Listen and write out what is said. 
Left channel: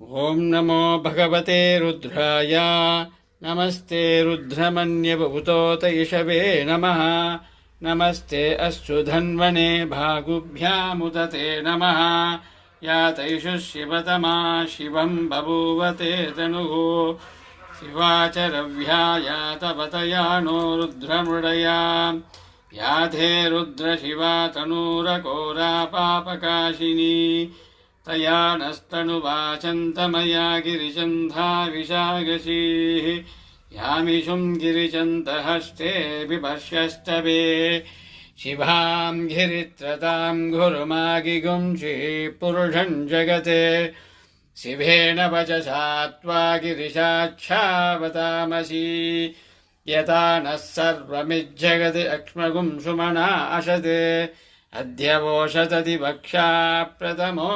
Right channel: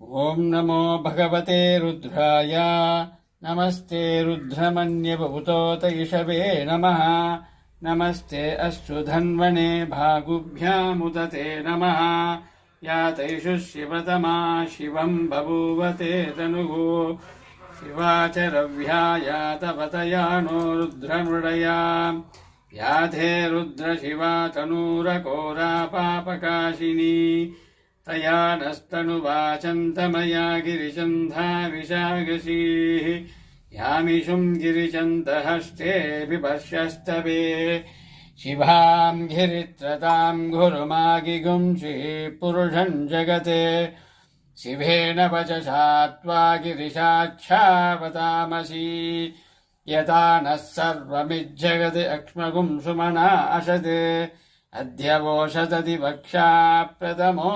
ॐ नमो भगवते रुद्राय नमस्ते रुद्रमन्यवभूतोतयिषवे नमः। नमस्ते अश्वधन्वने भागुभ्यामुदते नमः। या तैषु शिवतमा शिवं बभूवते तनुः शिवा च रव्या या तपतया नो रुद्रमृडया याधे रुद्रशिवा तनूरकोरा पापकाशिनी तया नस्तनुवाचन्तमया गिरिचन्धाविशागशीः यामिषुं गिरिचन्तहस्ते बिभर्ष्यस्तवे शिवां गिरित्रतां गुरुमागिगुंषिः पुरुषं जगते शिवेन वचसा त्वा गिरिशाच्छावतामसि यथा नः सर्वमिज्जगति अक्ष्मगुं सुमना अशते अद्य वोषतति वक्षा प्रथमो